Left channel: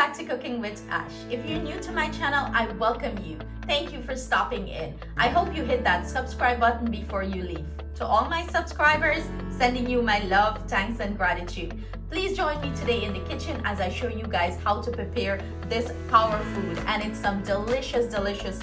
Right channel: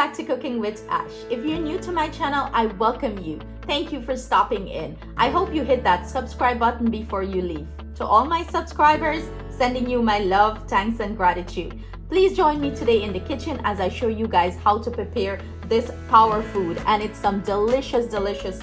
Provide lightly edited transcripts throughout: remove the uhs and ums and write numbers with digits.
back to Cooking with Ash. If you're new to my channel, I welcome you. Thank you for stopping in. I hope you hit that subscribe button before you leave. To all my subscribers, sending you my love, thanks, and gratitude. Please join me today in the kitchen as I show you guys how to prepare this power food, and it's some delicious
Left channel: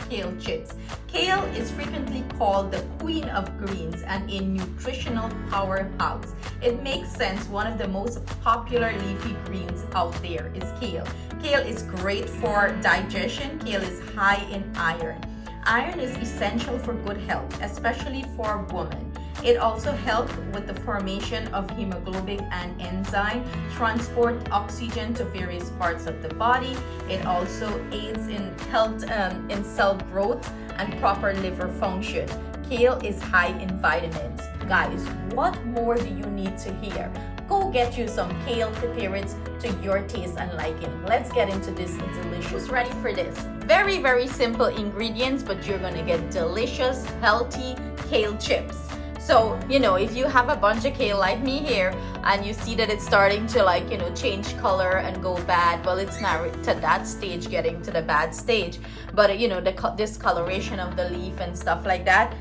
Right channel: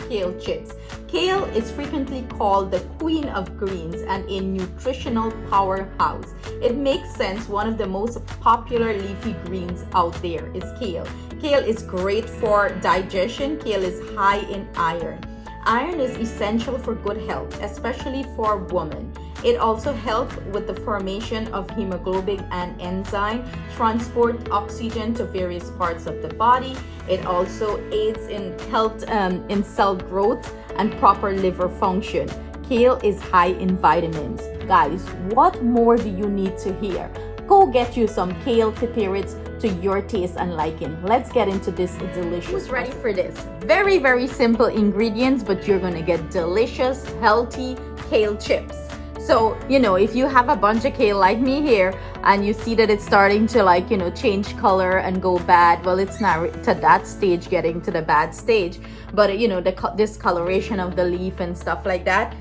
kale chips. Kale is frequently called the queen of greens and a nutritional powerhouse. It makes sense. One of the most popular leafy greens out there is kale. Kale is great for digestion. Kale is high in iron. Iron is essential for good health, especially for women. It also helps with the formation of hemoglobin and enzyme, transport oxygen to various parts of the body. It also aids in health, in cell growth and proper liver function. Kale is high in vitamins. Guys, what more do you need to hear? Go get you some kale, prepare it to your taste and liking. Let's get into this delicious. Ready for this? Very simple ingredients, but you're gonna get delicious, healthy kale chips. So, if you have a bunch of kale like me here and you see that it's starting to change color and go bad, well, it's not to that stage, getting to the bad stage, but the discoloration of the leaf and stuff like that,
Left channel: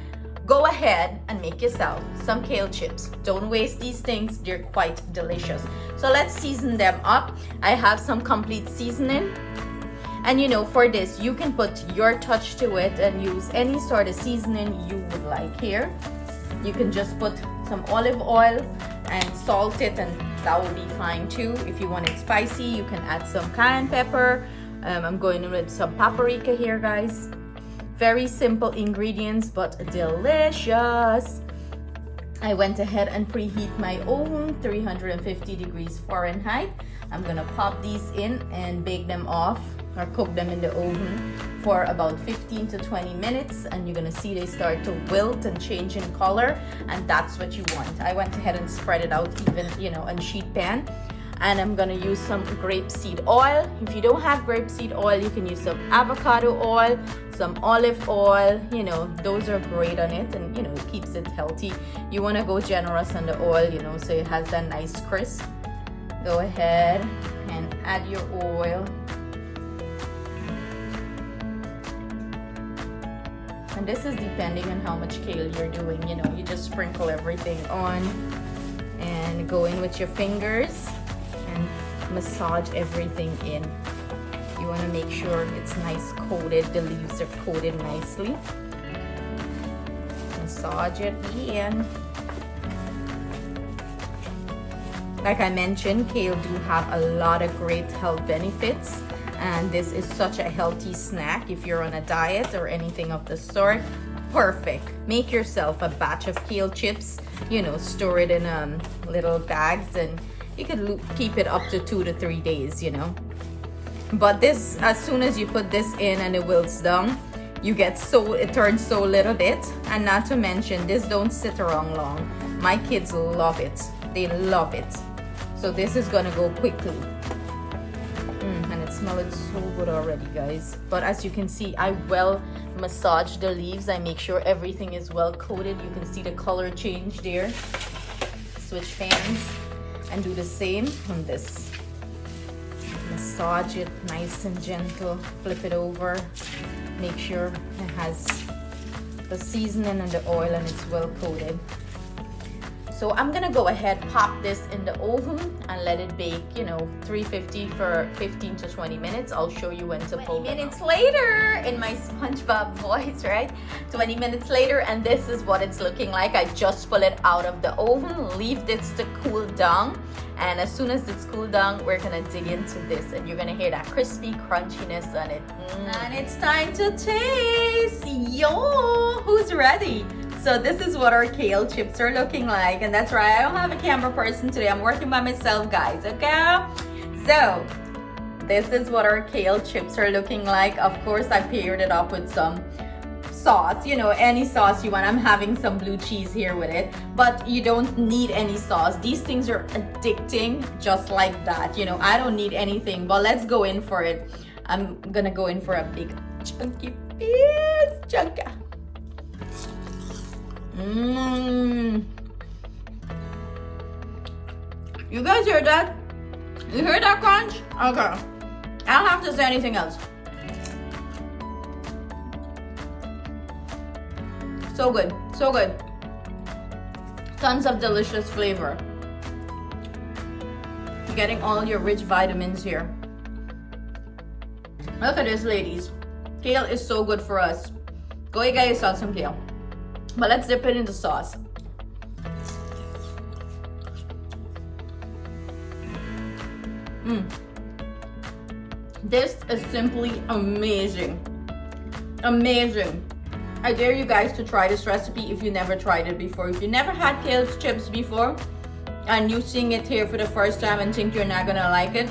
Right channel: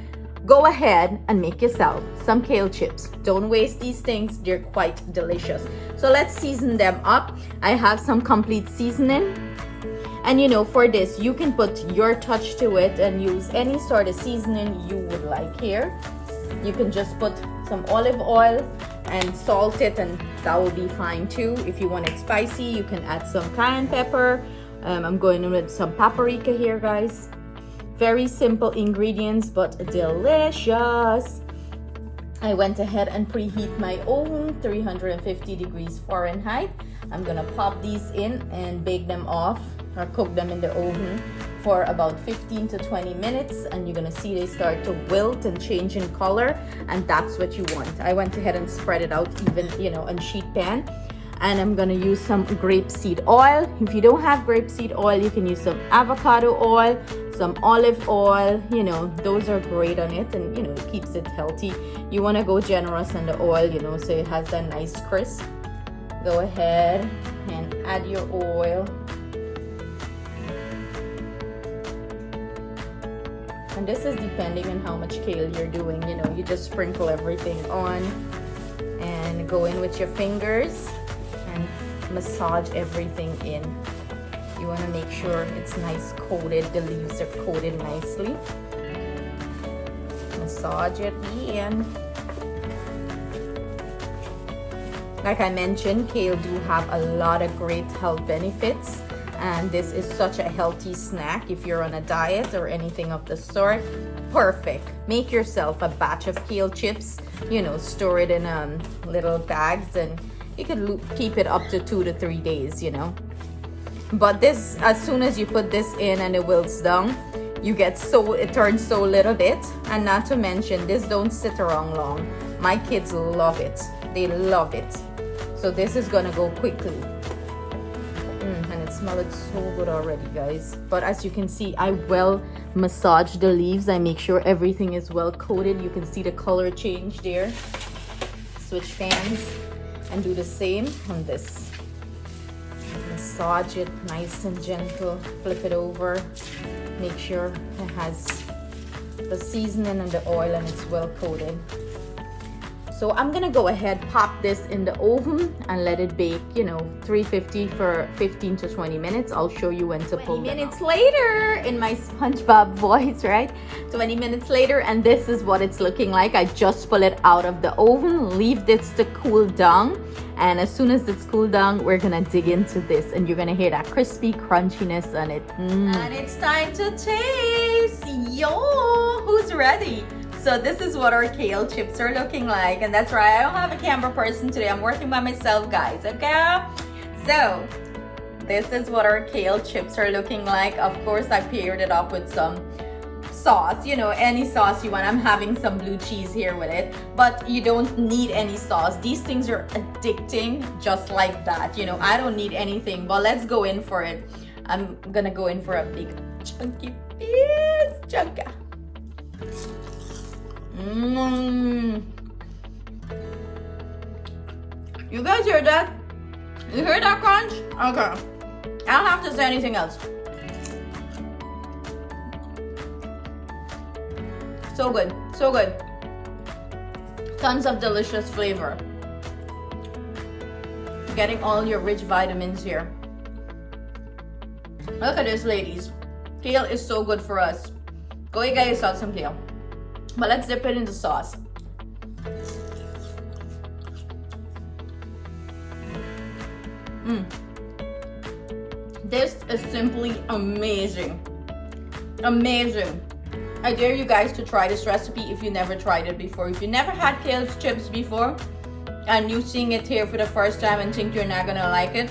go ahead and make yourself some kale chips. Don't waste these things. They're quite delicious. So let's season them up. I have some complete seasoning. And for this, you can put your touch to it and use any sort of seasoning you would like here. You can just put some olive oil and salt it, and that will be fine too. If you want it spicy, you can add some cayenne pepper. I'm going with some paprika here, guys. Very simple ingredients, but delicious. I went ahead and preheat my oven, 350 degrees Fahrenheit. I'm gonna pop these in and bake them off or cook them in the oven for about 15 to 20 minutes, and you're gonna see they start to wilt and change in color, and that's what you want. I went ahead and spread it out even, on sheet pan. And I'm gonna use some grapeseed oil. If you don't have grapeseed oil, you can use some avocado oil, some olive oil. Those are great on it, and it keeps it healthy. You want to go generous on the oil, so it has that nice crisp. Go ahead and add your oil. And this is depending on how much kale you're doing. You just sprinkle everything on and go in with your fingers and massage everything in. You want to make sure it's nice coated, the leaves are coated nicely. Massage it in. Like I mentioned, kale do have a lot of great health benefits, and this is such a healthy snack if you're on a diet or anything of the sort. Perfect. Make yourself a batch of kale chips, store it in little bags, and you could keep it up to 2 to 3 days, But this, as soon as you put this in and it wilts down, it turns so little bit. And not to mention, this don't sit around long. My kids love it. They love it. So this is gonna go quickly. And it smells so good already, guys. But as you can see, I well massage the leaves. I make sure everything is well coated. You can see the color change there. Switch pans and do the same on this. Massage it nice and gentle. Flip it over. Make sure it has the seasoning and the oil and it's well coated. So I'm gonna go ahead, pop this in the oven and let it bake, 350 for 15 to 20 minutes. I'll show you when to pull. 20 minutes later, in my SpongeBob voice, right? 20 minutes later, and this is what it's looking like. I just pull it out of the oven, leave this to cool down. And as soon as it's cooled down, we're gonna dig into this, and you're gonna hear that crispy crunchiness on it. And it's time to taste. Yo, who's ready? So this is what our kale chips are looking like, and that's right, I don't have a camera person today. I'm working by myself, guys, okay? So this is what our kale chips are looking like. Of course, I paired it up with some sauce, any sauce you want. I'm having some blue cheese here with it, but you don't need any sauce. These things are addicting just like that. I don't need anything, but let's go in for it. I'm gonna go in for a big chunky piece. Chunka. You guys hear that? You hear that crunch? Okay. I don't have to say anything else. So good, so good. Tons of delicious flavor. Getting all your rich vitamins here. Look at this, ladies. Kale is so good for us. Go get yourself some kale. But let's dip it in the sauce. This is simply amazing. Amazing. I dare you guys to try this recipe if you never tried it before. If you never had kale chips before and you seeing it here for the first time and think you're not gonna like it,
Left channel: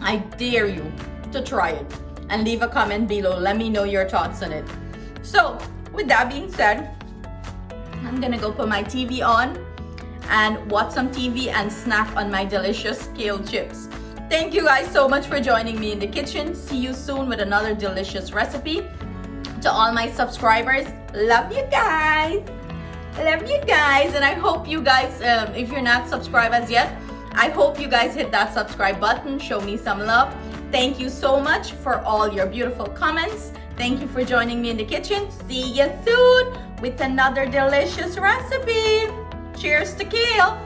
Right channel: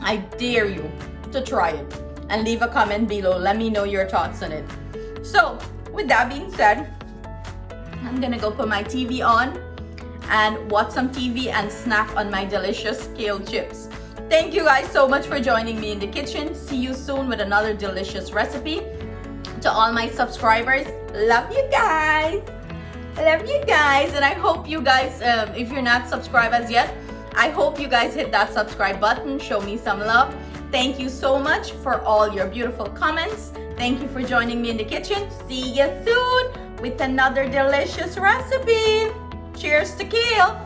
I dare you to try it and leave a comment below. Let me know your thoughts on it. So with that being said, I'm gonna go put my TV on and watch some TV and snack on my delicious kale chips. Thank you guys so much for joining me in the kitchen. See you soon with another delicious recipe. To all my subscribers, love you guys. Love you guys. And I hope you guys, if you're not subscribed as yet, I hope you guys hit that subscribe button. Show me some love. Thank you so much for all your beautiful comments. Thank you for joining me in the kitchen. See you soon with another delicious recipe. Cheers to kale.